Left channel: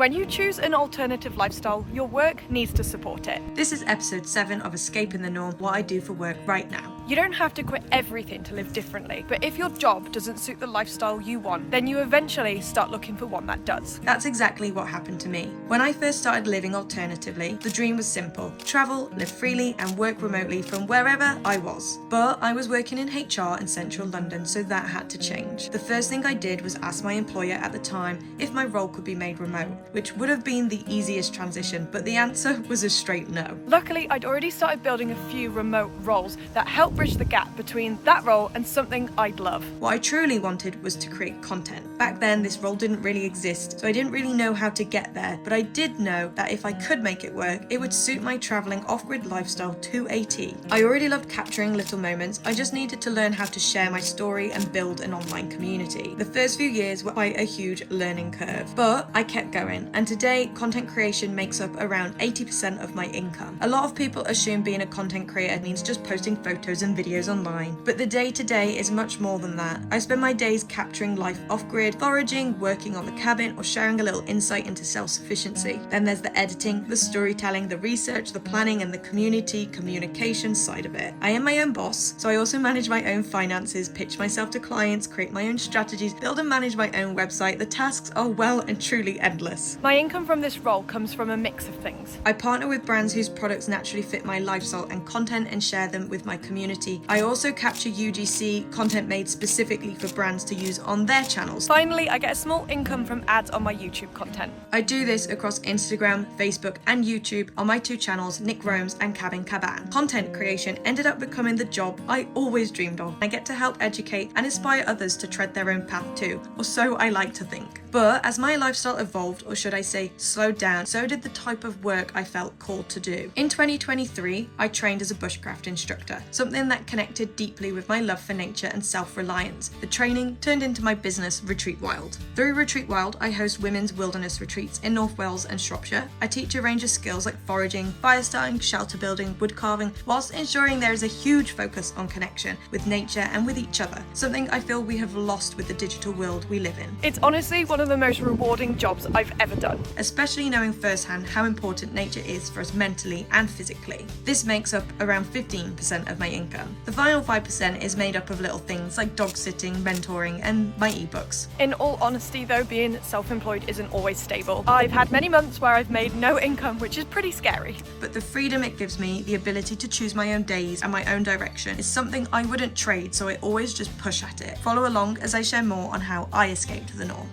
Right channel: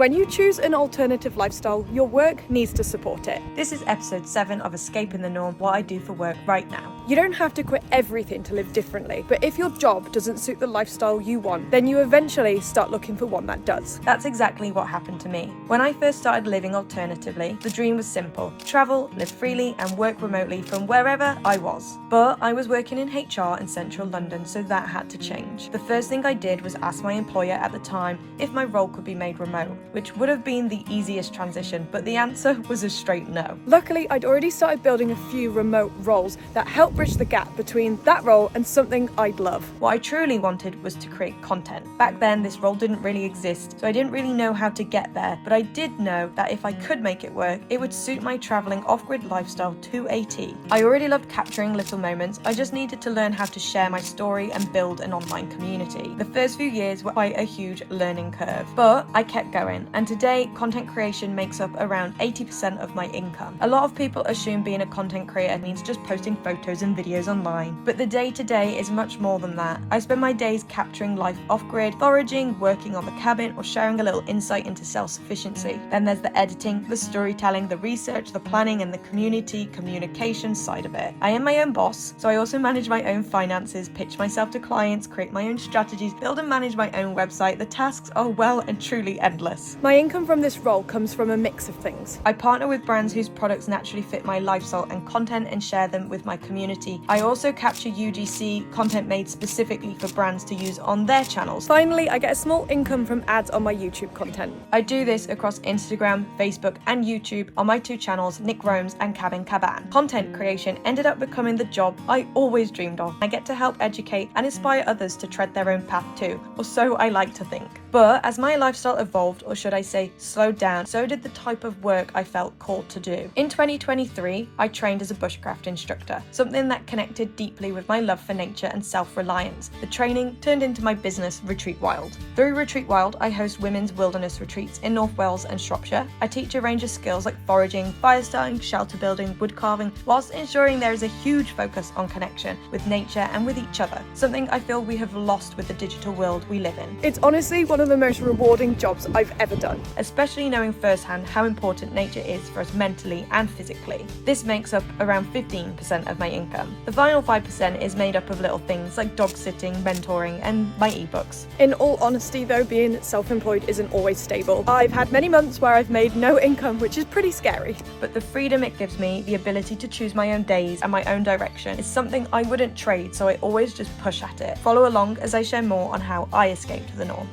When you choose an alternative lifestyle, your work needs to support it. This is episode 7 of Escaping the Norm, what I do for work right now. You don't have to quit everything to live differently, but if your job doesn't suit the lifestyle you want, then you eventually start looking for one that does. That's exactly what happened to me. When I first started living alternatively, the dream was simple: travel, live freely, and work remotely from wherever I was. But I was working in HR in central London, so that had to change. The first thing I did was ask my employer at the time if my role could be made remote, which would have been the easiest transition, but the answer was a straight no. Luckily, I'd already started building a few remote roles that helped bridge the gap between that role and something I'd love. What I truly wanted was to create content. Back then, this role didn't really exist, so I didn't really know how to get there, but I did know that if I could make it work, it would suit my traveling off-grid lifestyle to a T. I already loved capturing little moments, I just needed to learn how to share my story and build an online community. The first few years were quite a huge learning curve, but I kept going, and today, content creation makes up around 80% of my income. A lot of people assume being a content creator means just posting photos and videos online, but the day-to-day is much more than that. I spend my days capturing life off-grid, foraging, working on the cabin, or sharing a little insight into self-sufficiency. Then there's the editing, the storytelling, the research, the planning, and the communication side of it. I am my own boss, so I also manage my own finances, pitch myself to clients, create my own strategies, build and manage my own website. The tasks are well and truly endless. My income from this role comes from a mix of things. I partner with brands whose products naturally fit my lifestyle and content and share them with my community. I also capture UGC content made specifically for brands to use on their channels. Finally, I get a small income from ads on my YouTube content. I do this across Instagram, Facebook, and YouTube on my 2 channels, Nick Romes and Cabin Caban. Content creation ended up becoming the job I always dreamed of. I get to help educate and inspire others to tread their own path too, or so I like to think. But as my lifestyle evolved, or should I say slowed down, so did the type of work I felt called to do. In 2023, I trained as a bushcraft instructor, something that connected deeply with my love for nature and self-reliance. The training turned into my business, Retreat Wild. Through Retreat Wild, I host women's wilderness retreats in North Wales and Shropshire. I teach a range of skills like foraging, fire starting, shelter building, wood carving, whilst ensuring there is a huge focus on connection with nature and with each other, something I feel we have lost with the digital world we live in. It's honestly one of the most rewarding jobs I've ever done. Especially knowing firsthand how important nature is for us mentally and physically. This makes up around 15% of my income. The final 5% is made up of little things like dog sitting, mentoring, and my ebooks. In all honesty though, being self-employed isn't always stable. I've had many months where I've made no income, which is pretty scary. But the freedom it gives me, the ability to choose my own days and my own direction, is something I wouldn't trade, so I always just push at it. Follow along as I share more on how I escaped the norm.